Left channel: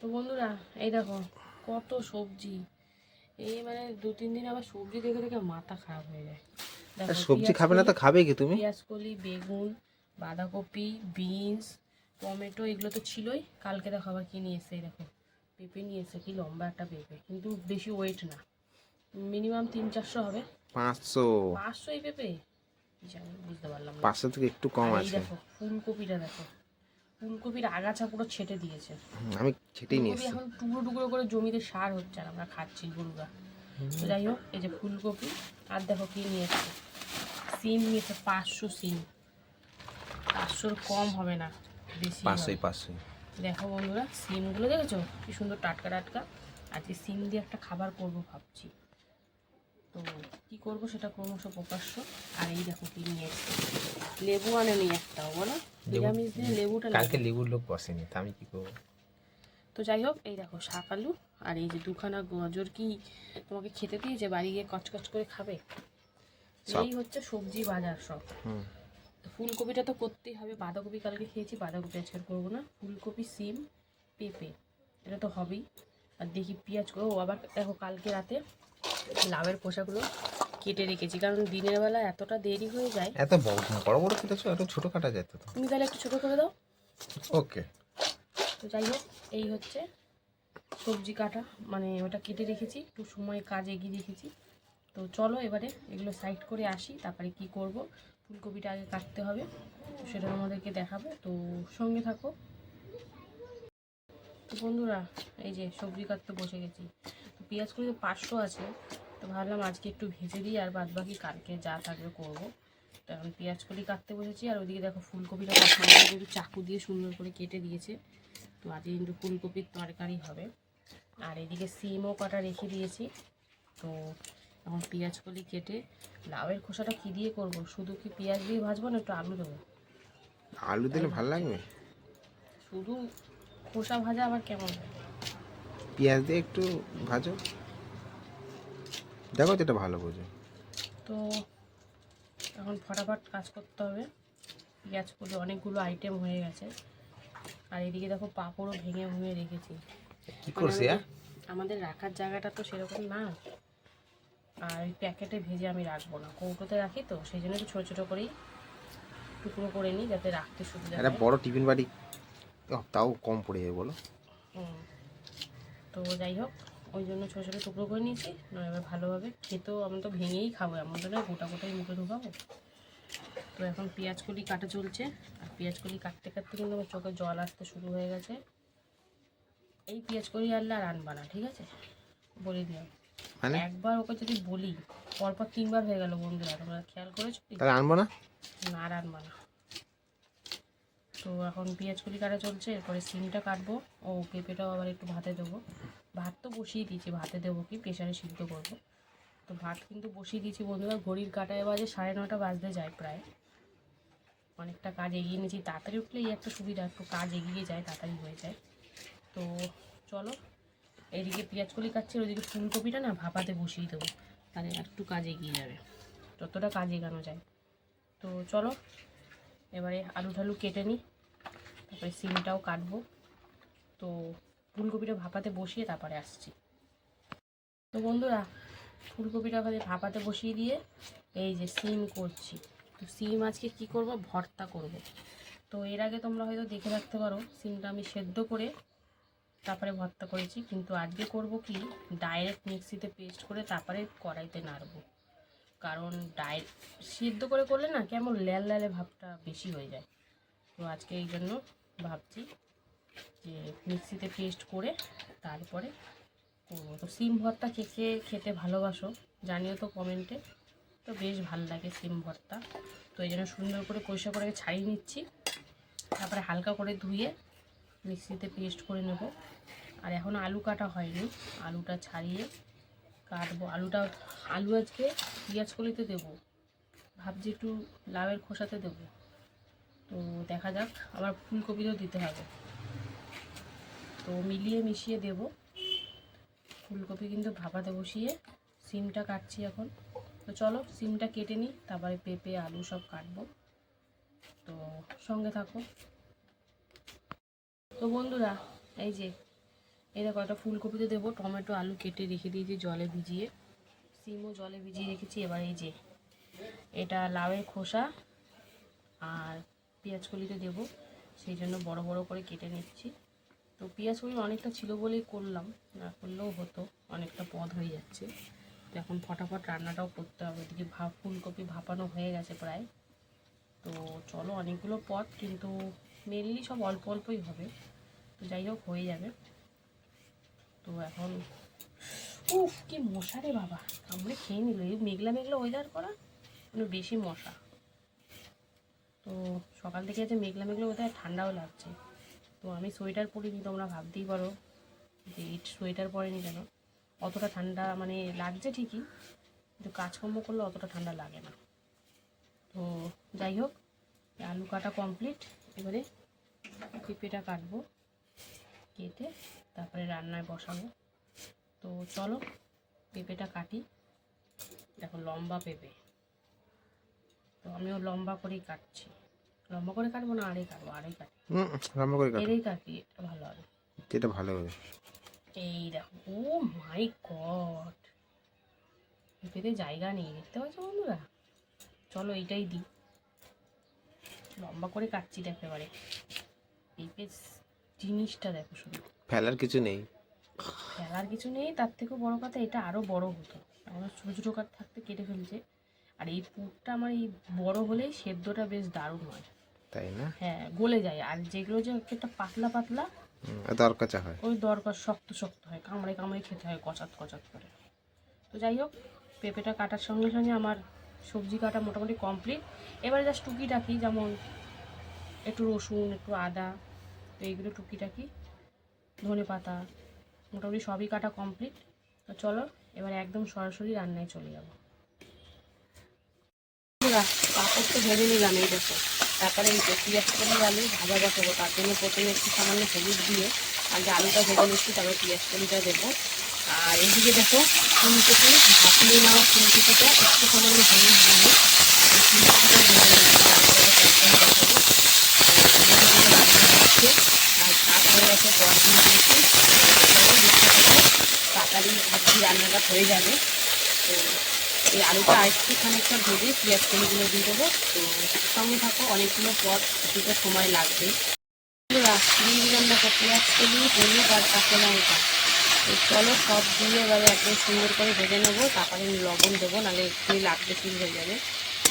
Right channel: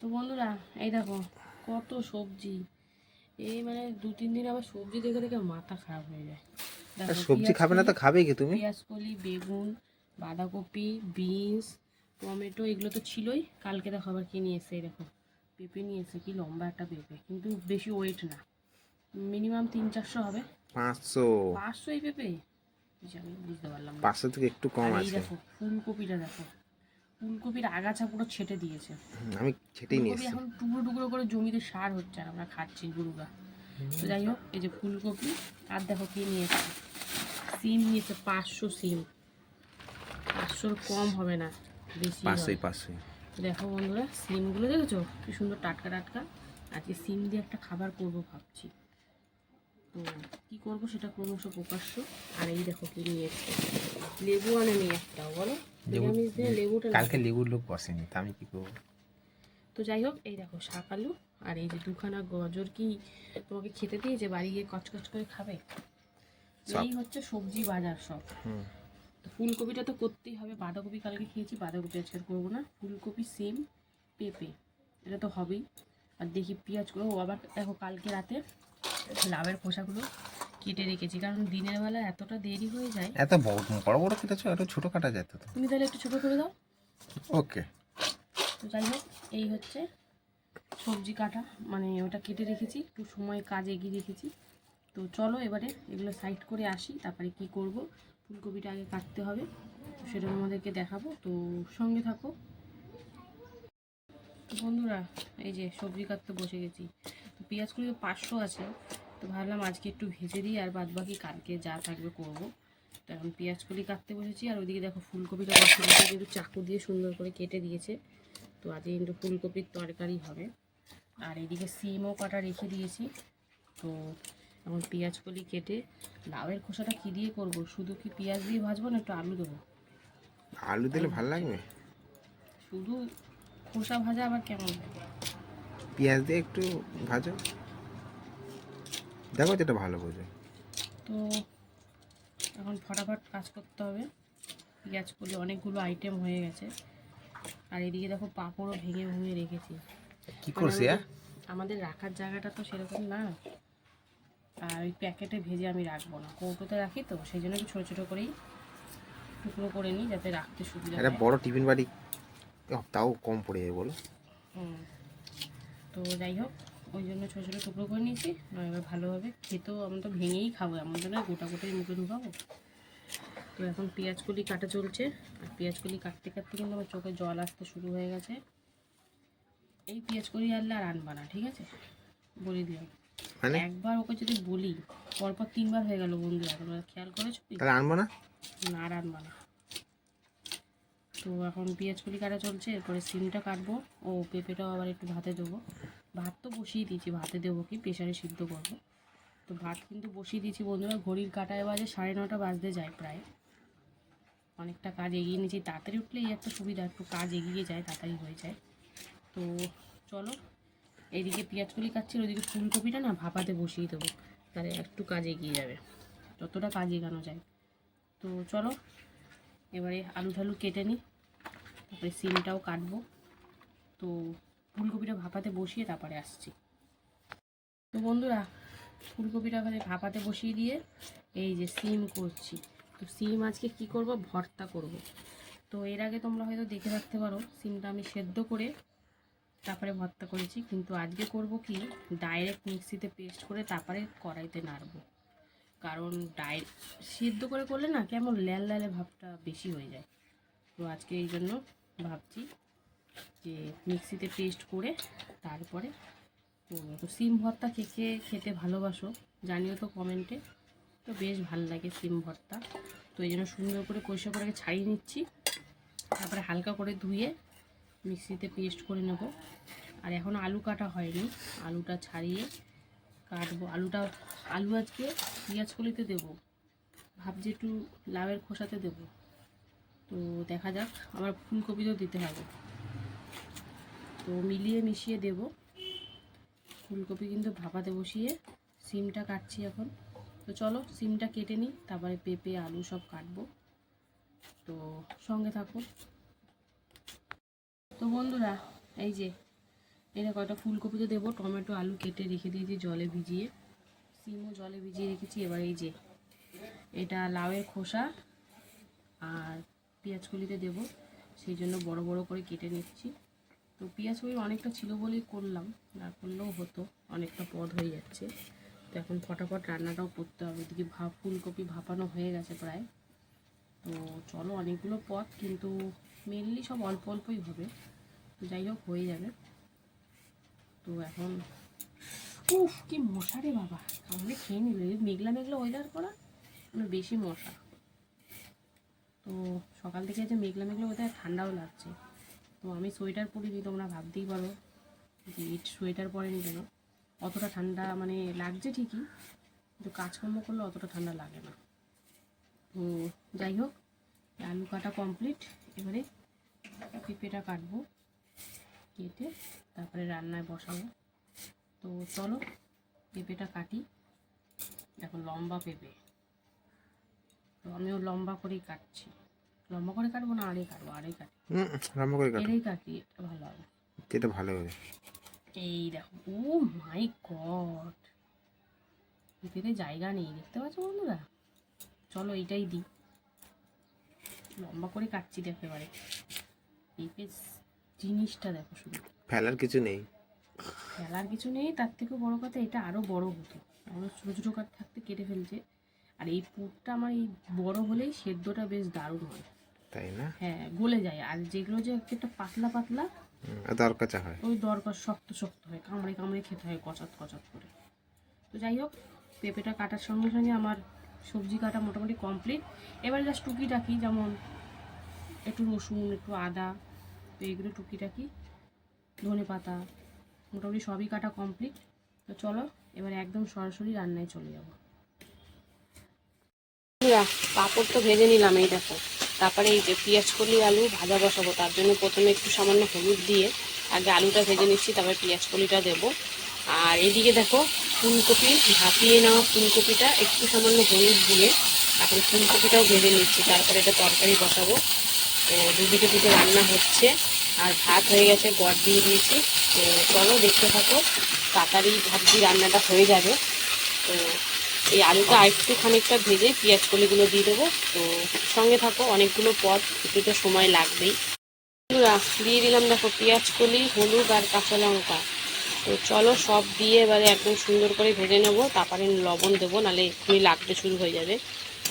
তো বন্ধুরা এই দেখো কত সবজি। এই মানে দু তিন দিন আবার সবজি দেখে দেখে মাথা খারাপ হয়ে যায়। সবজি খাবে না তো খাবে কি তুমি? পেঁয়াজ কলি বেগুন বাঁধাকপি বিনস টমেটো এগুলো তো ছিলই। কালকে দেখো আবার কি নিয়ে এসে দেখো পেঁপে নিয়ে এসে কি লম্বা একটা পেঁপে কিন্তু বেশি ওয়েট না। মিনিমাম তিন চারশো হবে। পাঁচশো। পাঁচশো এই পেঁপে? জানি বুঝতে পারলাম পাঁচশো থেকে একটু কম আছে। দেখো ফুলকপিটা দেখো। ফুলকপির আগাছা পুরো ছেটে দিয়েছে। আমি সেটাই নিয়ে এসেছি। এখন টুকরো টুকরো করে জমিতে সার হচ্ছে আর আমরা খাচ্ছি গরুরা। তো যাই হোক এই যে ফুলকপি আর দেখো কি নিয়েছে সিম নিয়েছে পাঁচশো সিম। পাঁচশোর কম হবে না বেশি পাঁচশোই পাঁচশোই। দেখো বন্ধুরা সিমগুলো দেখেছ? কি সুন্দর টাটকা টাটকা। আজকে সিম দিয়ে একটা খাবার করব ভাবছি। তো কি করব সেটা ক্রমশ প্রকাশ্য। আর এই দেখো কি নিয়ে এসছে। লেবু আনেনি একটাও বলো? নিরামিষ দিনে লেবুটা। কালকে লেবুর লোক বসেনি তা আমি কি করব? তো যাই হোক এই দেখো শাক আলু আর এই যে দুখানা গাজর কি তোমাকে খেতে দিয়েছে? বাড়ি গিয়ে কচকচ করে খাবে। এই হচ্ছে সবজি বাজার সব। ফুলকপিটা তো করতেই হবে বাঁধাকপি কালকে খেয়েছি বাঁধাকপি আজকে করব না। ফুলকপি সিম পেঁপে এটা তো হবেই। আর দেখি পেঁয়াজ করব। আবার দেখো কালকে রাতে লাভের খোসাগুলো কেটে রেখেছি কারণ দিনের বেলা এতটা দেরি হয়ে যায়। এত বড় বড় বড় কেটেছো এত ছোট কাটা যেত তো। তুমি তাহলে একটু ছোটো করে দাও। ওকে। তো যাই হোক এই হচ্ছে সবজি কাটা। মানে ওটা কেটে রেখেছি একটু সময় কাজ এগিয়ে রেখেছি। তো চলো এবারে এগুলো সাইড করে আসি তারপরে কি করব? ফুলকপিটা আগে কাটতে হবে তো সেটা তোমাদেরকে দেখাবো। তো সঙ্গে থাকো। তো বন্ধুরা এই যে সবজি কাটতে বসে গেছি। তো পেঁয়াজ কুড়ি পাঁচশো আছে তো ভাবলাম আজকে একটু ভেজে দিই আর বাদ বাকি কালকে যা থাকবে করব। তো এখন পেঁয়াজ কলি কাটতে বসেছি আর ওইদিকে দেখো ফুলকপিটা কিন্তু চাকু দিয়ে সুন্দর করে কেটে দিয়েছে। তো আজকে কিন্তু ফুলকপির তরকারি হবে। আর এদিকে সিমও কাটা রেখে দিয়েছি। তো এখন পেঁয়াজ কলি কেটে লাউয়ের খোসাটা কী দিয়ে করব? শুধু কি পেঁয়াজ দিয়ে ভাজবো না একটু আলু দেবো? আলু দিলে ভালো লাগবে? শুধু খোসা ভাজা আবার কেমন? পেঁয়াজ দিয়ে একটু ভাজো। দেখো যেটা ভালো বোঝো। তো এখন ফটাফট কাজ করতে হবে। পেঁয়াজ কলি অনেকগুলো আইটেম হয়ে গেছে। আর এদিকে দেখো পাঁপড়ও ভেঙে ভেঙে রেখেছি। কি করছি হ্যাঁ? আমাদের রাখার জায়গাটা তো সেরকম না। আর ওই প্যাকেটে ভেজে আমি রাখব না। কৌটোতে রাখি তো সেই জন্য একটু ছোটো ছোটো করেই টুকরো করে নিই যাতে রাখতে সুবিধা একটা বড় টিফিন বাড়ি তাও কম পড়ে যাবে বলো। হুম। তো যাই হোক ওই জন্য ছোটো ছোটো টুকরো করে নিয়েছি আর এবার ভালোভাবে খেতেও আমরা তো ভেঙেই খাব এমন তো না গোটা গোটাই মুখে ঢুকাবো তো এখন পেঁয়াজ কলি কাটা চলছে আর পেঁয়াজ কলি কাটতে কাটতে কিন্তু আমার চোখে জল আসতে শুরু হয়ে গেছে। এই পেঁয়াজ কলি আনলে আর আনবা না ঠিক আছে? বলে দিলাম। মানে? একবার ওকে যদি বলি পরপর তিনবার হয়ে গেল বন্ধুরা তোমরা খেয়াল করেছ? তাহলে আনব না? না আর আনবা না। তো এখন পেঁয়াজ কলি কাটা চলছে এরপরে সিমটা কাটবো ও পেঁপেটাও আবার একটু ভাতে দেবো। ভাত তো বসিয়ে দিয়েছি, ভাতে দেবো কি? প্রেশারে সিদ্ধ করব। তো ভাত কিন্তু বসিয়ে দিয়েছি বন্ধুরা, ঘড়ির কাটায় বাজে সাড়ে নটা বাজতে যায় প্রায়। অনেকটা কাজ এগিয়ে নিয়েছি, তাড়াতাড়ি উঠলেই একটা সুবিধা, একটু কাজ এগিয়ে যায়, তাড়াতাড়ি হয়ে যায়। তো চলো এইদিকে পেঁয়াজ কলি কাটছি, আর ওইদিকে ফুলকপিটা না ভাপাতে বসিয়ে দেবো, তাহলে একটু কাজ এগিয়ে যাবে। যতটা কাজ এগানো যায়। তো চলো, এবারে আলু ঠালু কেটে নিই, তারপরে সিমটাও কাটবো। তো ফুলকপিটা ভাপাতে বসিয়ে তারপরে আসছি। তো বন্ধুরা, ফুলকপিটা ওখানে ভাপাতে বসিয়ে দিয়ে এই যে সিম করছি। তো সিম আজকে কি করব? ভর্তা করব। তো এর আগে তোমরা হয়তো দেখে রাখতে পারো, সিমটা আমি সেদ্ধ করে তারপরে ভর্তা করেছি। কিন্তু আজকে করব কি? ডাইরেক্ট মিক্সিতে পেস্ট করে তারপরে কড়াইতে নাড়বো। কারণ ডাই, সিদ্ধ করে করলে না কেমন ল্যাল ল্যালে ভাবটা বেশি হয়ে যায়। তো আজকে এই জন্য ভাবছি যে মিক্সিতে পেস্ট করে তারপরে করব। তো সিম ভর্তা কে কে খেতে ভালোবাসো জানিও তো কমেন্টে। তো বেশ ভালো লাগে সিম ভর্তা। তো এই জন্য সুন্দর করে পরিষ্কার করে ছাড়িয়ে নিচ্ছি। তারপরে হালকা করে ধুয়ে মিক্সিতে পেস্ট করে নেব। আর এখন আলু কাটা হয়নি। আলুটা ছাড়িয়ে কাটবো। আলুটা, আলু আজকে পেঁয়াজ কলিতে দেবো। ভাবছি একটু লাউয়ের খোসাতে দেবো। তো দেখা যাক, আবার ফুলকপিতেও দিতে হবে। তো মিলিয়ে মিশিয়ে দেব। ফুলকপি কিন্তু ভাপাতে বসিয়ে সিমটা কাটছি এখন। তো চলো সিমটা কেটে নিই, তারপরে পেঁপে, আলু সব কাটবো। তো সঙ্গে থাকো। তো বন্ধুরা, এই যে এটা কয়টা ফুলকপিতে দেবো, টমেটো, আলু কেটে রেখে দিয়েছি জলে ভিজিয়ে। সিমও জলে ভিজিয়ে রেখেছি, এবার এই যে, এটা লাউয়ের খোসা আর পেঁয়াজ কলিতে দেবো। সেই জন্য বড় বড় করে কেটে নিচ্ছি। তো পেঁয়াজ কলি অনেকটা ছিল বলেই করলাম, না করলেও হতো, অনেকটা পদ হয়ে যাচ্ছে। তো এখন ফটাফট রান্নাটাও করতে হবে, এদিকে ভাপ ফুলকপি ভাপানো হয়ে গেছে প্রায়। তো চলো অনেকগুলো পদ, কিন্তু মেনলি সব অল্প অল্পই হবে। তো যাই হোক, হয়ে যাবে। তো এখন, উফ, কি মশা রে বাবা। কামড়ে খেয়ে নিল, এই মেঘলা মেঘলা ওয়েদার করা মানে বেশি মশা। তো সকাল থেকে যে মেঘলা মেঘলা ওয়েদার ঠান্ডাও লাগছে। তো আমি সোয়েটার পরিনি তোমরা ভাবতেই পারো যে ইট সোয়েটার পরেনি কেন? অতটা ঠান্ডা মানে লাগছে ঠিকই, কিন্তু কাজকর্ম করলে অতটা ঠান্ডা লাগে না। তো যাই হোক, আলু কাটা কমপ্লিট এবারে পেঁপেটা কাটবো, কেটে তারপরে রান্নায় বসাবো। তো চলো, পেঁপেটা কাটি। দেখো লম্বা পেঁপে। তো আমিও লম্বা করেই কাটছি। লম্বা করে কাটবো না আড়ে কাটবো? আড়ে কাটি। হুম রান্না করে কাটো। এড়েই কাটি এটা ভালো হবে। যেটা ভালো হবে। এই দেখো ও মাই গড। পেঁপেতে জায়গা নেই দেখতে পাচ্ছ বন্ধুরা? চলো এইটাই দিই। লম্বা করে কাটছি দেখো এবারে। পেঁপে জিনিসটা দেখো শুধু। ফেলার কিছু নেই। ফেলার কিছু নেই তার থেকেও বড় কথা এটা আরও বড় হতো। আমাদের ছোটো ছোটো কাঠ থাকতে কেটে ফেলছে। আর এই পুরটা আমার এই বড় হলেই সেদ্ধটা বেশ দারুণ হয়। তাই না? হ্যাঁ গলে যায়। আর যেগুলো যে একটা পাতলা পাতলা দরকার হয়। ওই দরকার শক্ত শক্ত হয় কামড়ে কামড়ে খেতে হয় কচাত কচাত করে। তো যাই হোক পেঁপেটা কাটার সঙ্গে সঙ্গে আমার সবজি কাটা মোটামুটি কমপ্লিট। এবারে জাস্ট টুকিটাকি যেমন একটু রসুন একটু আদা তো এইগুলো টুকিটাকি ধনে পাতা মোটামুটি সবই কাটা কমপ্লিট। তো চলো এবার একদম সরাসরি রান্নায় চলে যাব। পাঁপড় তো ভেজে নিলাম এই দেখো। তারপরে এই যে পেঁয়াজ কলি, আলু ভাজা বসাবো। তার জন্য প্রথমে একটু সামান্য হলুদ দিয়ে আগে আলুটা ভেজে নিচ্ছি, তারপরে পেঁয়াজ কলিটা দেবো। আর এদিকে দেখো, ফুলকপি ভাপিয়ে নেওয়া ফুলকপিটা একটু সামান্য হলুদ দিয়ে তারপরে ফুলকপিটাও ভেজে নিচ্ছি। তারপরে এটা তরকারি বসাবো। তো দুটো রান্না হচ্ছে আর ভাত হয়ে গেছে, দশ দিন দিয়েছি। চলো দেখতে থাকো, তাড়াতাড়ি ভাবছি রান্নাটা হয়ে যাবে। তো এই আলুটা আরেকটু খানিকটা ভেজে পেঁয়াজ কলিগুলো দিয়ে দেবো। তো সঙ্গে থাকো, অনেকগুলো পদ, কিছুটা সময় লাগবেই। দিয়ে দিলাম দেখো পেঁয়াজ কলি, হলুদ আর কাঁচা লঙ্কা। তো চলো সব দিয়ে এবারে একদম সুন্দর করে ভেজে নেব, তারপরে লবণ দেবো, নাহলে একটু লাগতে শুরু হয়ে যাবে।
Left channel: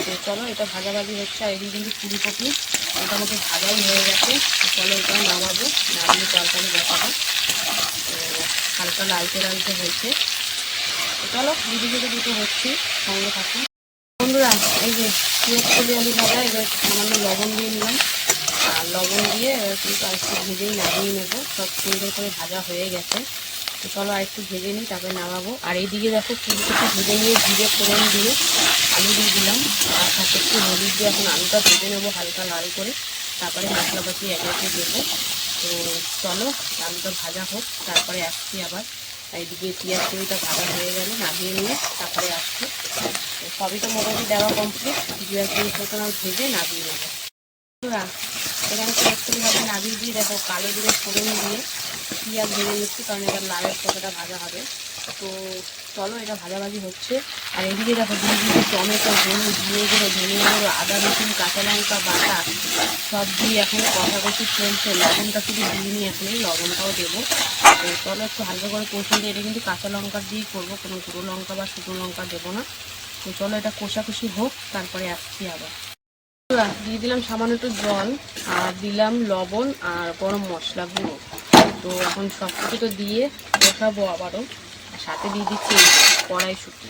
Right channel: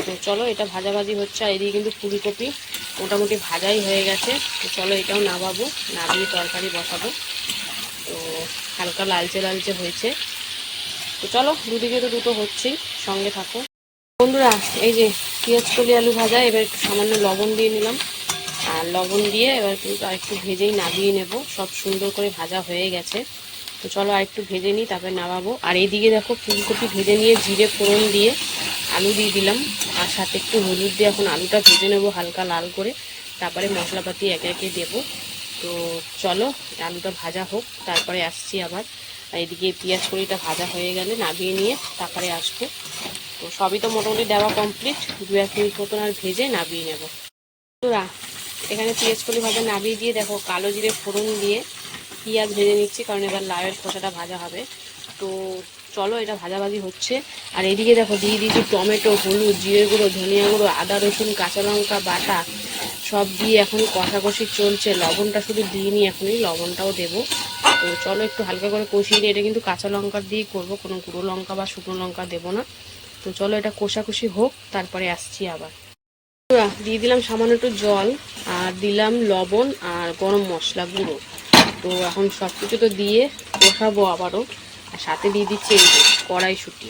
তো চলো এটা ভাজাভাজি হচ্ছে, আর এদিকে কিন্তু ফুলকপি মোটামুটি ভাজাই হয়ে গেছে। তো চলো এটাও নামাবো, নামিয়ে তরকারি বসাবো। তো হালকা লালচে লালচে হয়েছে। তো চলো দিদি দিদি দুটো হচ্ছে সঙ্গে থাকো। বন্ধুরা, এই যে পেঁয়াজ কলি আলু ভাজা, এবার সামান্য লবণ দিয়ে নিলাম। আর লবণ দিয়ে এবার কিন্তু আরেকটু ভেজেই নামিয়ে নেব। সব সুন্দর করে ভাজা হয়ে গেছে। তো চলো আরেকটু ভেজে নিই, তারপরে নামাবো। আর এইদিকে দেখো ফুলকপি ভেজে নিয়ে জিরে ফোড়ন দিয়ে আলু দিয়ে দিলাম। আর সাথে একটু হলুদ দিয়ে এখন আলুটা ভেজে নেব হালকা লাল করে। তারপরে মশলাপাতি একে একে দেবো। তো চলো, আলুটা ভাজা হোক, তারপরে আসছি আবার। আর এদিকে পেঁয়াজ কড়িটা ভাজা হয়ে গেলে নামিয়ে নিয়ে তারপরে আসব। তো সবই তো মোটামুটি দেওয়া কমপ্লিট দু এক মিনিট মতন আর ভেজে নামিয়ে নেব। বন্ধুরা, এখানে পেঁয়াজ কলি ভাজা নামিয়ে দিয়ে দেখো কালো জিরে ফোড়ন দিয়ে পেঁয়াজ ভেজে নিচ্ছি কারণ এবার লাউয়ের খোসাটা ভাজা হবে। তো চলো এটা ভাজাভাজি হচ্ছে। আর এদিকে দেখো দিয়ে দিয়েছি টমেটো হলুদ জিরে গুঁড়ো ধনিয়া গুঁড়ো আদা রসুন কাঁচা লঙ্কা বাটা সব দিয়ে এখন কষাকষি চলছে। লবণটা শুধু দিইনি এখনই লবণটাও দেবো। তো চলো একটু হালকা করে কষিয়ে দিয়ে এটা কিন্তু কাঁচা লঙ্কা দিয়েই করব, কোনো গুঁড়ো লঙ্কা বা শুকনো লঙ্কা দেবো না। তো চলো এটা কষাকষি হোক, তারপরে আসছি আবার। দিয়ে দিলাম সামান্য একটু জল, আর দিলাম লবণ আর গরম মশলা গুঁড়ো। তো এখন সব কিছু তো দিয়ে কষাবো আবারও। আর সাথে দিয়ে দিচ্ছি কড়াইশুঁটি।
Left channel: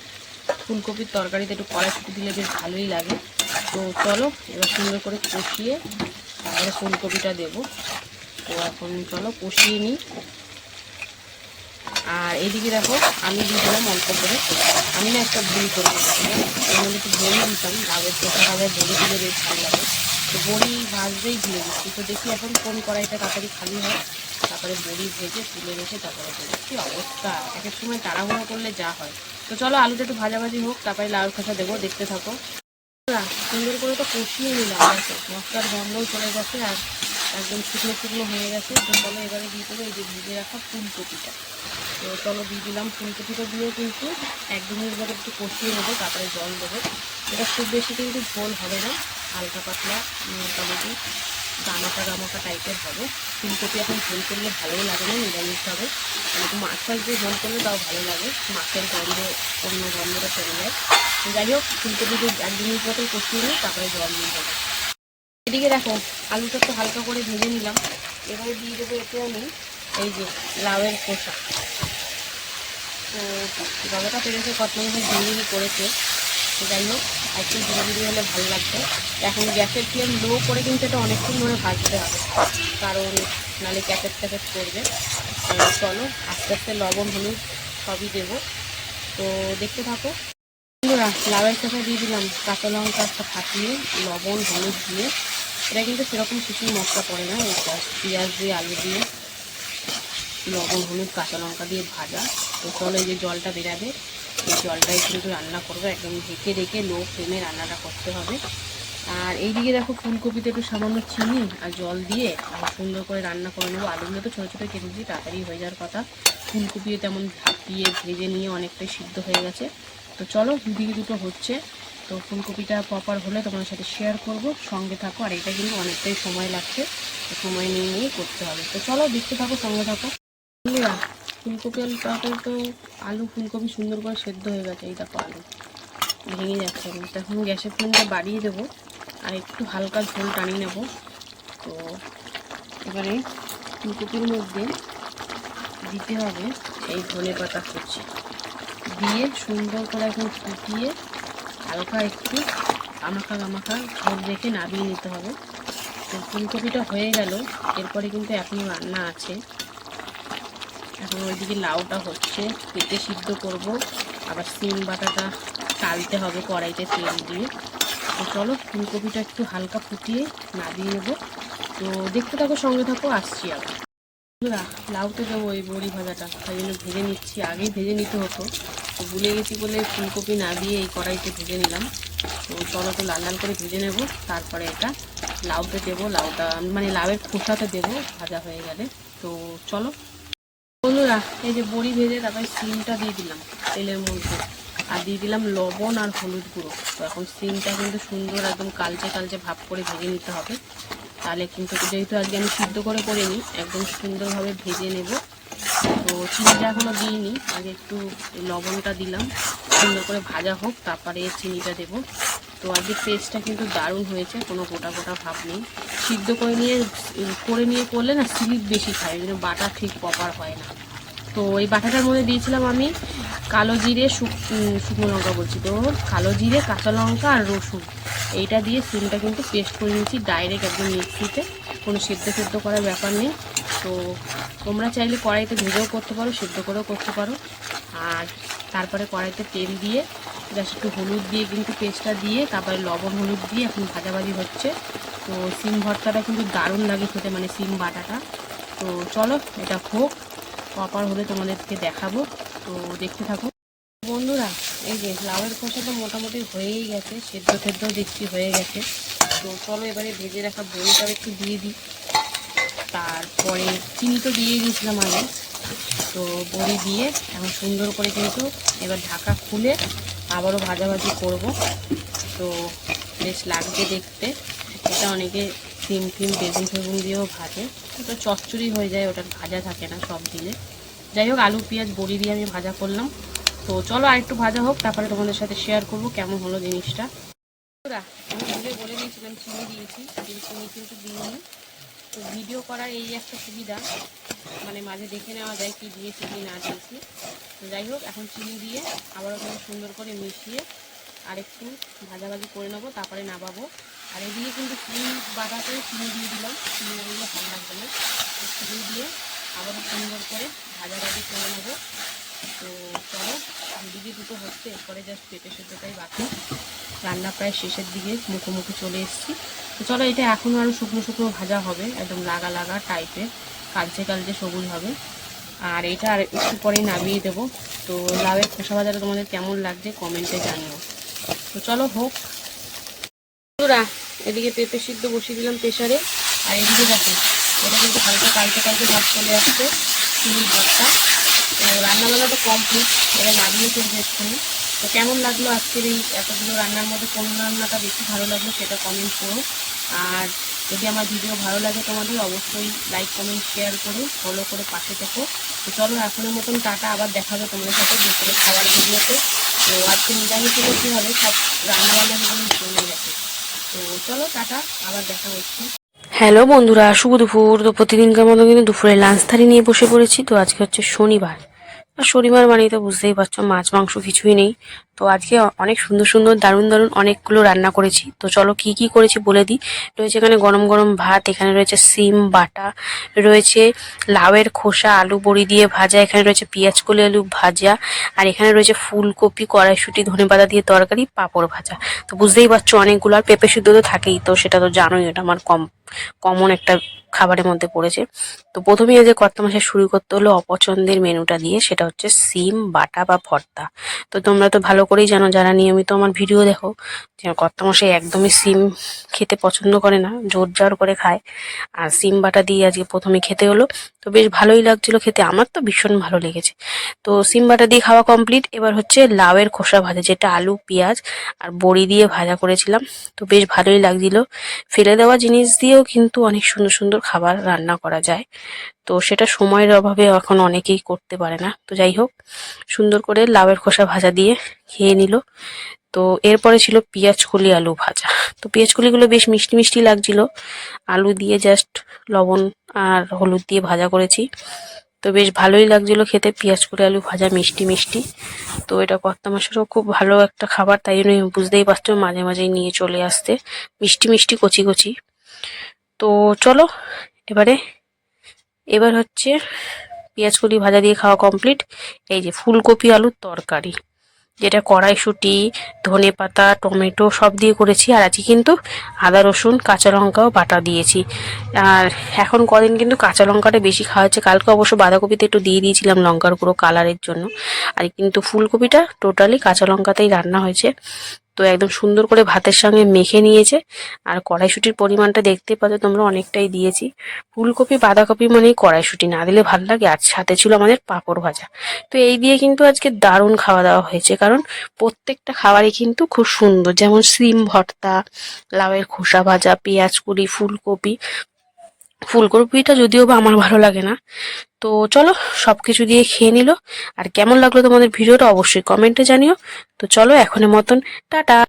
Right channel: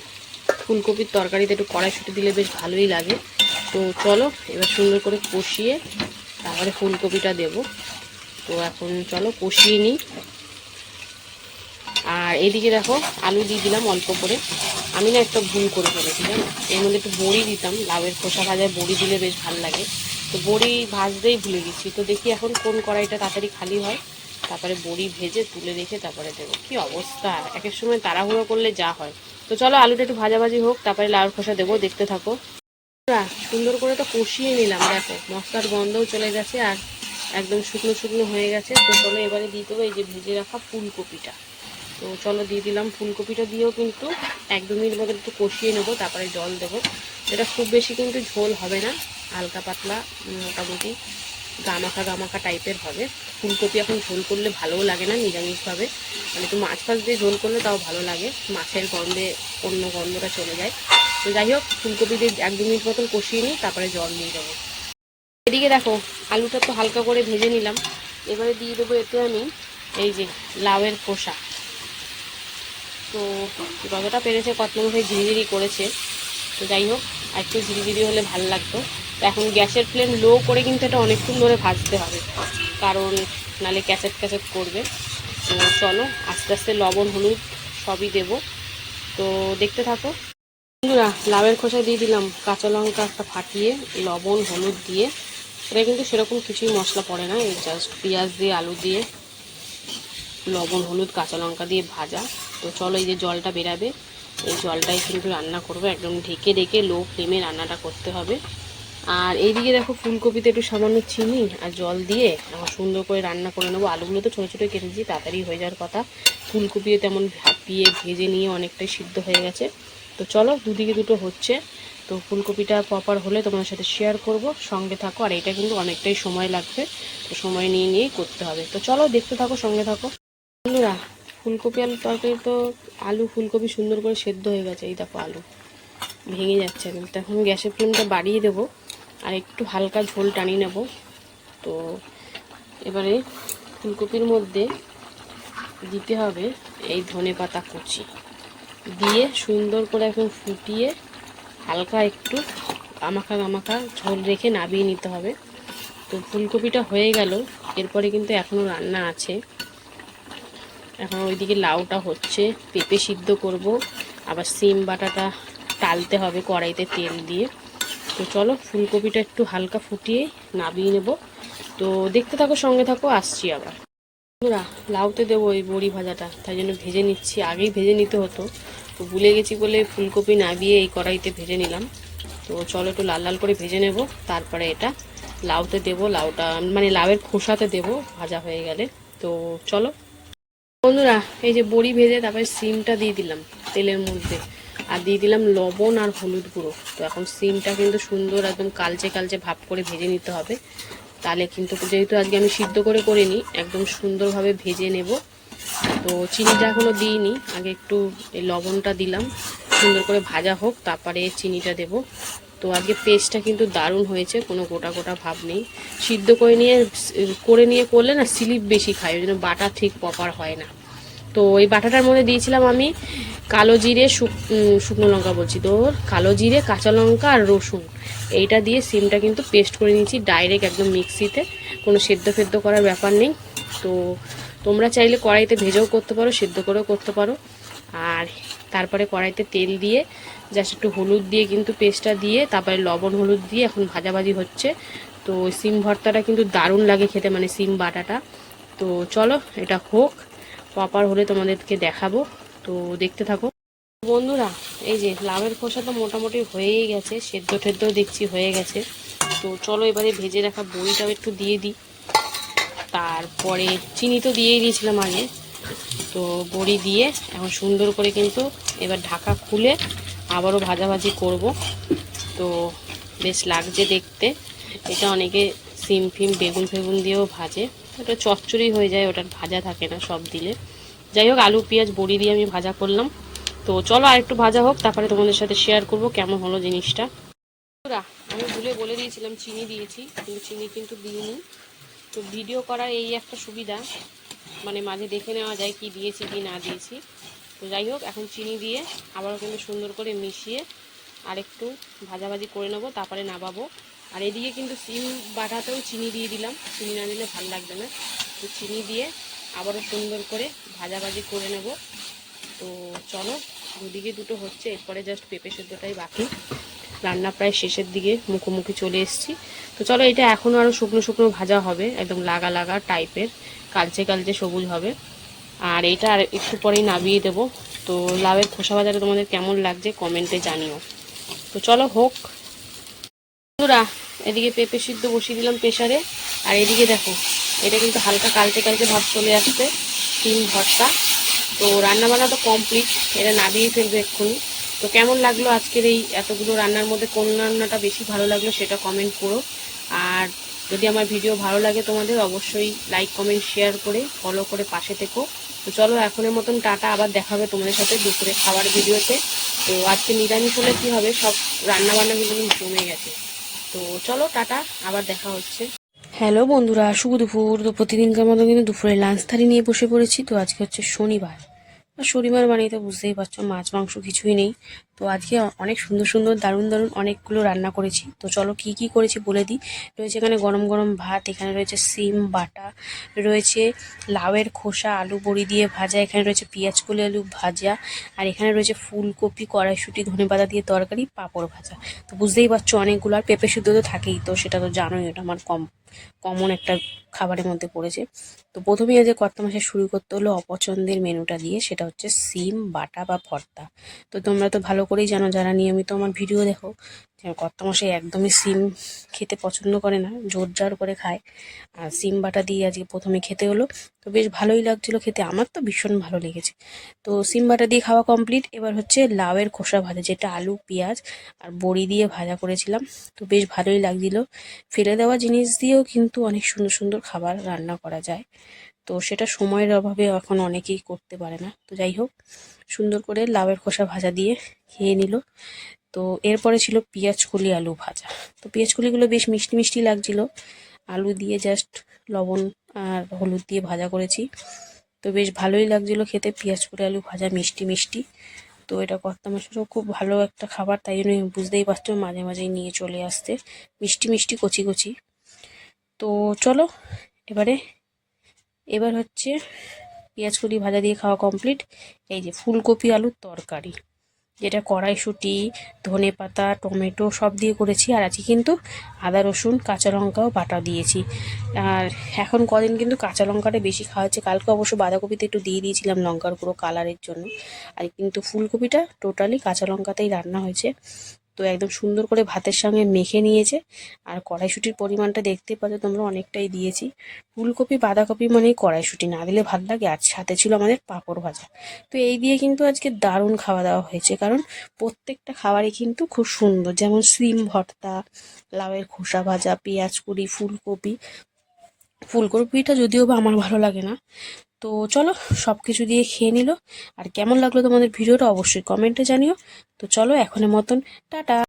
ফুলকপির তরকারিতে একটু কড়াইশুঁটি দিলে বেশ ভালোই লাগে। তো চলো, এবার সুন্দর করে কষিয়ে তারপরে ফুলকপিটা দেবো। তো এখন চলো কষিয়ে নিই। আর এদিকে দেখো আলু দিয়ে দিলাম অল্প করে। আমি না একটা ভুল করে ফেলেছি? এর মধ্যে একটু বড়ি দিতাম। লাউয়ের খোসা ভাজায় বড়ি দিলে বেশ ভালো লাগে। তো বড়ি ভাজতেই ভুলে দিচ্ছি তো দেখি এখন কোন কড়াইটা তাড়াতাড়ি খালি হয়। তারপরে বড়ি ভেজে তুলে রেখে তারপরে দেবো। কী অবস্থা? এক এক সময় তাড়াহুড়ো করলে যা হয়। তো চলো, আলুটা একটু ভাজাভাজি হোক। তারপরে লাউয়ের খোসা দেবো, দেখতে থাকো। সুন্দর করে তো কষিয়ে নিলাম, দেখো। মশলার গন্ধও চলে গেছে আর একদম শুকনো শুকনো হয়ে গেছে। তো চলো এবারে দিয়ে দেবো এই যে ভেজে রাখা ফুলকপিটা। তো চলো দিয়ে দিলাম ফুলকপিটা দিয়েও কিন্তু একদমই এগুলোকে একটু কষিয়ে নেব, তারপরে জল দেবো। এটা খুব বেশি কিন্তু ঝোল হবে না, হালকা পাতলা মোটামুটি গামাখা গামাখা টাইপের হবে। ফুলকপি এখন ঝোল করলে ভালোও লাগে না নিরামিষভাবে মানে একটু মাছ ফাছ দিয়ে ঝোল করলে তাও ভালো লাগে, মাছের গন্ধে, অন্য গন্ধটা চলে যায়। তো যাই হোক, ফুলকপি দিয়ে এক দু মিনিট মতন কষিয়ে নিই তারপরে জল নিয়ে দেবো। এদিকে দেখো, আলুটা তো হালকা করে ভেজে নিলাম। এবারে দিয়ে দেবো এতে আমি এই যে লাউয়ের খোসা। তো যতটা পেরেছে কতমশাই ঝিরিঝিরি করেছে, তো যাই হোক একটু ঝিরিঝিরি হলে ভালো লাগতো। এখন গ্যাসের ফ্লেম লো করে কিন্তু এটা অনেকক্ষণ ধরে ভাজতে হবে, কারণ নালে ক্যাসেট ক্যাসেট করবে। চলো, আস্তে আস্তে লবণ, হলুদ সবই দেবো। তো দেখতে থাকো। বন্ধুরা লাভের খোসা দিয়ে দিলাম কাঁচা লঙ্কা একটা ফাটিয়ে, লবণ, হলুদ দিয়ে। এটা কিন্তু সেরকম কিছুই মশলা পড়ে না, এই পেঁয়াজ দিয়ে, আলু দিয়ে। লবণ, হলুদ, কাঁচা লঙ্কা দিয়ে ভাজা। তো চলো এই যে জলটা বেরাবে, এই জলটাই কিন্তু রান্না করব। একদম ঢেকে ঢেকে লো ফ্লেমে রান্নাটা করতে হবে। আর এইদিকে দেখো ফুলকপিতে একটু সামান্য চিনি আর জল দিয়ে আমার সুন্দর করে রান্না করে নেব। আলুগুলো তো ছোটো ছোটো কেটেছি, তাড়াতাড়ি হয়ে যাওয়ার কথা। ফুলকপিও তেমন ভাপিয়ে, ভেজে নিয়ে অনেকটাই সিদ্ধ হয়ে গেছে। তো চলো দুদিকে দুটো হচ্ছে। তো ফুলকপিটা প্রপার হলে তোমার সাথে শেয়ার করব, সঙ্গে থাকো। আর এটা কিন্তু অনেকটাই সময় লাগছে। তো সময় নিয়ে নিয়েই করতে হবে। তো চলো দেখতে থাকো, সঙ্গে থাকো। বন্ধুরা ফুলকপি আলু তরকারি তো আলু ফুলকপি সুন্দর করে সেদ্ধ হয়ে গেছে, এই দেখো আলু। ভেঙে যাচ্ছে এখন। গ্যাসের ফ্লেমটা বাড়িয়ে দেবো আর একটু হালকা ঝোল টানিয়ে নেব। তো এবারে ফুলকপির মধ্যে দিতে হবে এই ধনে পাতা কুচি। দিয়ে সুন্দর করে এখন ফুটিয়ে হালকা একটু গামাখা গামাখা ঝোল রেখে নাবিয়ে নিতে হবে। তো ফুলকপিটা হয়ে গেল, এরপরে কিন্তু এখনও রান্না আছে। এখন ওইদিকে লাউটা হচ্ছে পেতে সিদ্ধ করব। আবার সিম বাটাটা টালতে হবে কড়াইতে তেল দিয়ে। তো চলো, ফুলকপিটা একটু হালকা ফুটিয়ে নাবিয়ে নেব। তো দেখতে থাকো, সঙ্গে থাকো, আসছি আবার। বন্ধুরা, লাউতে দেবো এই বড়ি ভাজাটা। তাই জন্য ভেজে নিচ্ছি। আগেই ভেজে নিতে হতো। তো ভুলে গেছি বলে ফুলকপি নাবিয়ে এই কড়াইতে ভেজে নিলাম। তো চলো তো লাল লাল করে ভেজে নেব। তারপরে এটা লাউতে দেবো। লাউটা মানে লাউয়ের খোসাতে দেবো। ভাজা হয়ে গেলে। তো চলো বন্ধুরা, এই যে বড়ি ভেজে তারপরে সিমটা দিয়ে দিলাম তেলের মধ্যে। আর দিয়ে দিলাম লবণ আর হলুদ গুঁড়ো। তো এখন সিমটা কিন্তু সুন্দর একদম কালচে কালচে ভাব করে ভেজে নিতে হবে। তাহলে কিন্তু যেহেতু আজকে আমি সিদ্ধ করে করিনি, একদম সুন্দরভাবে ভেজে নেব। তো চিনিটা এখনও দিইনি, আগে একটু এই লবণটা দিলাম। সুন্দর করে ভাজা হোক, তারপরে চিনিটা দেব। তো আজকে পেস্টটা কিন্তু দারুণ হয়েছে, কোনো গোটা গোটা ভাব নেই। সিদ্ধ করে নিয়ে করে নিয়ে করলে না স্লিপ বেশি খায়, ওই জন্য বাটা ঠিক প্রপার হয় না। তো এই বাটাটার মধ্যে দিয়েছিলাম আমি কালো জিরে শুকনো লঙ্কা বলছি তো, কালো জিরে, কাঁচা লঙ্কা আর রসুন। এইটা দিয়ে সিমটা কিন্তু পেস্ট করে নিয়েছি ডাইরেক্ট একদম মিক্সিতে। কোনো সেদ্ধ সেদ্ধ করার ব্যাপার নেই। তো তোমরা চাইলে কড়াইতে ভেজেও করতে পারো, সেদ্ধ করেও করতে পারো। আর তারপরে কড়াইতে তেল দিয়ে জাস্ট একটু হলুদ দিয়ে কিন্তু পেস্টটা দিয়ে, তারপরে লবণ হলুদ দিয়ে এখন ভাজাভাজি হচ্ছে। তো সিম ভর্তাটা কিন্তু দারুণ লাগে খেতে মানে সিম বাটাটা। তো চলো, এটা হোক প্রপার হলে তোমাদেরকে দেখাবো। তো দেখতে থাকো। বন্ধুরা, এই যে লাউয়ের খোসাটা মোটামুটি হয়েই গেছে, সেদ্ধ টেদ্ধ দেখছি হয়ে গেছে। তো চলো এবারে ভেজে রাখা বড়িটাও একটু দিয়ে দিই। তারপরে চিনি তো দিয়েই দিয়েছিলাম আগে। তো বড়ি দিয়ে এখন সুন্দর করে কিন্তু এবার ঢাকা খুলে আবারও ভাজাভাজি করব। তো বেশ লাগছে দেখতে। এটা অনেকে সিম ফিম, বেগুন ফেগুন দিয়েও ভাজে। ওটা চচ্চড়ি হয়ে যায়, ওটার ভাজা থাকে না সব দিলে। যাই হোক, আলু, পেঁয়াজ, বড়ি দিয়ে আমি ভাজা করলাম। তো চলো আর একটু ভাজা হোক, তারপরে তোমাদের সাথে শেয়ার করব কেমন হলো জিনিসটা। আমি ভুলে বলে দিয়েছিলাম, চিনি দিয়েছি, কিন্তু চিনি কিন্তু দিইনি। তো ভিডিও করার এই একটা সুবিধা মানে মাঝে দেখে নেওয়া যায় কি দিয়েছি, কি না দিয়েছি। তো যাই হোক, এখন চিনি দিয়ে আবারও কিন্তু সুন্দর করে মিশিয়ে আর একটু ভাজাভাজি করে নেব, তারপরে নামাবো। আর এদিকে কিন্তু চিনি বাটাতেও চিনি দিয়ে দিলাম। চিনি না দিলে ভালো লাগবে না। তো চিনি দিয়ে আবারও সুন্দর করে ভাজাভাজি করে নেব। তো চলো, দুদিকে দুটো হচ্ছে, এরপরে জাস্ট পেঁপে সেদ্ধটাই বাকি। রান্না প্রায় শেষের দিকে মুখোমুখি চলে এসেছি। তো চলো, এটা এখনও আরও শুকনো শুকনো ভাজা হবে, একদম লাগা লাগা টাইপের কালচে কালচে সবুজ হবে। আর এটা আর একটু পরেই নামিয়ে দেবো। তো লাভের খোসা ভাজাটা তোমাদের কেমন লাগছে কমেন্টে জানিও। তো চলো হোক। বন্ধুরা, এদিকে পেঁপে সিদ্ধ বসিয়ে দিলাম প্রেশারে আর এদিকে দেখো, এটা কিন্তু হালকা কালকে কালকে ভাব চলে আসছে, তিন ভাবটা তো রান্নাবান্না তো কমপ্লিট এবার নামিয়ে ফেলব এক্ষুনি। তো কেমন লাগল আজকের এই এতগুলো রান্নার মধ্যে কোন রান্নাটা বেশি ভালো লাগল সেটা কমেন্ট করো। আর যদি আমার ভিডিও ভালো লাগে তোমাদের, অবশ্যই লাইক কমেন্ট শেয়ার করে ফলো করে পাশে থেকো। তো চলো, এখনের মতন টাটা, আবার দেখাবে তোমাদের সাথে দুপুরে খাবার ভিডিওতে। তো আজকে নিরামিষ হলে কী হবে? সব রান্নাবান্না যেগুলো জমে গেছে। তো চলো, টাটা, আবার দেখা হচ্ছে। হ্যালো বন্ধুরা, শুভ দুপুর। তো প্রতিদিনকার মতো কিন্তু দুপুরে লাঞ্চ থালি নিয়ে বসে পড়েছি। তো আজকে হচ্ছে শনিবার। আর শনিবার মানেই তো বুঝতেই পারছ, মাছ, মাংস কিছুই নেই। তো আজকে অনেক সুন্দর সুন্দর দারুণ দারুণ অনেকগুলো রান্না করেছি। তো চলো কি কি করেছি বলে দিই। রয়েছে এখানে গরম গরম ভাত, এখানে রয়েছে সিম, বাটা, রয়েছে লাউয়ের খোসা, আলু বড়ি দিয়ে ভাজা, এখানে রয়েছে পেঁয়াজ কলি আলু ভাজা, আর এখানে রয়েছে ফুলকপি, কড়াইশুটি, ধনেপাতা দিয়ে তরকারি, পাঁপড় ভাজা। তো বুঝতেই পারছ অনেকগুলো, আর পেঁপে সিদ্ধ তো থাকেই, তো সেটা তো জানোই, এটা আমার কম, কমন একটা খাবারের মধ্যে পড়েছে। তো প্রথমেই আজ কর্তা মাসে শুরু করতে হলো অপছন্দের মেনুটা দিয়ে, সেটা হচ্ছে সিম, বাটা বা ভর্তা। তো তোমরা তো ভালো করেই জানো যারা নিয়মিত আমার ভিডিও দেখো, যে কর্তা মশাই একদমই সিম খেতে পছন্দ করে না, জোর জার করে খায়। আর সিম বাটা দিয়ে আজকে প্রথমে খেতে হলো, তো বেশ ভালোই লাগছিল খেতে, আমার তো ভীষণ ভালো লেগেছে। তো সিম বাটা দিয়ে খাওয়া কমপ্লিট এবার হচ্ছে লাউয়ের খোসা ভাজা, যেটা আলু, পেঁয়াজ আর বড়ি দিয়ে ভাজা করেছিলাম, তো বেশ ভালোই লাগছিল। ফেলে দেওয়া জিনিস দিয়েও কিন্তু অনেক সুন্দর সুন্দর খাবার রান্না করা যায়। তো সেটা সময়ের অভাবে এখন অনেকেই করতে পারে না। তো যাই হোক, সুন্দর করে লাউয়ের খোসা ভাজা দিয়ে খেয়ে নিল। তো এরপরে ছিল পেঁয়াজ কলি আলু ভাজা। তো পেঁয়াজ কলিগুলো বেশ মিষ্টি মিষ্টি লাগছিল। আলু দিয়ে জাস্ট লবণ আর হলুদ দিয়ে ভাজা করেছি। তো বেশ ভালোই লাগছিল খেতে, পেঁয়াজ কলি আলু ভাজা মিষ্টি মিষ্টি। তো এটা কর্তা মাসেরও খুব ভালো একটা খাবার, তাই জন্য বুঝতেই পারছ মাঝে মাঝেই নিয়ে চলে আসতে। মিষ্টি মিষ্টি, কচি কচি। তো চলো, এবারে এবার হচ্ছে পেঁয়াজ কলি ভাজা দিয়ে খাওয়া কমপ্লিট এই যে ফুলকপি আলুর তরকারি, যেটা কড়াইশুঁটি, ধনে পাতা, টমেটো সব দিয়ে করেছি। আর আজকে কিন্তু আদা, রসুন, কাঁচা লঙ্কাও বাটা দিয়েছি। আর এখন কদিন কিন্তু কাঁচা লঙ্কাটা বেশি খাওয়া হচ্ছে। কালকে অবশ্য বাঁধাকপিতে একটু দিয়ে দিয়েছিলাম লঙ্কার গুঁড়ো কালারের জন্য। আর কিন্তু ফুলকপিটা টোটালি কাঁচা লঙ্কাতেই রান্না হয়েছে। তো একদম সুন্দর করে ভাতের সঙ্গে মেখে নিয়েছে। আর কড়াইশুটির পরিমাণটা দেখতে পাচ্ছ, তোমরা অনেকটাই দিয়েছি। ফুলকপি, বাঁধাকপি মানেই কড়াইশুটি, না দিলে ভালো লাগে। আর সাথে ছিল আমাদের পাঁপড় ভাজা। তো এই দিয়ে কিন্তু আজকে দারুণ খাওয়া দাওয়া হয়েছে। কারণ প্রত্যেকটা খাবারই কিন্তু খুব সুন্দর। যেমন সিম ভর্তা, লাউয়ের খোসা ভাজা, পেঁয়াজ কুড়ি, ফুলকপি। ফুলকপিটা যদিও বা আমার ভালো লাগে না। তো চলো সব কিছু দিয়ে খেয়ে নিল। আর কেমন লাগল তোমাদের ভিডিওটা অবশ্যই কমেন্টে জানিও। তো চলো এখনের মতন, টাটা।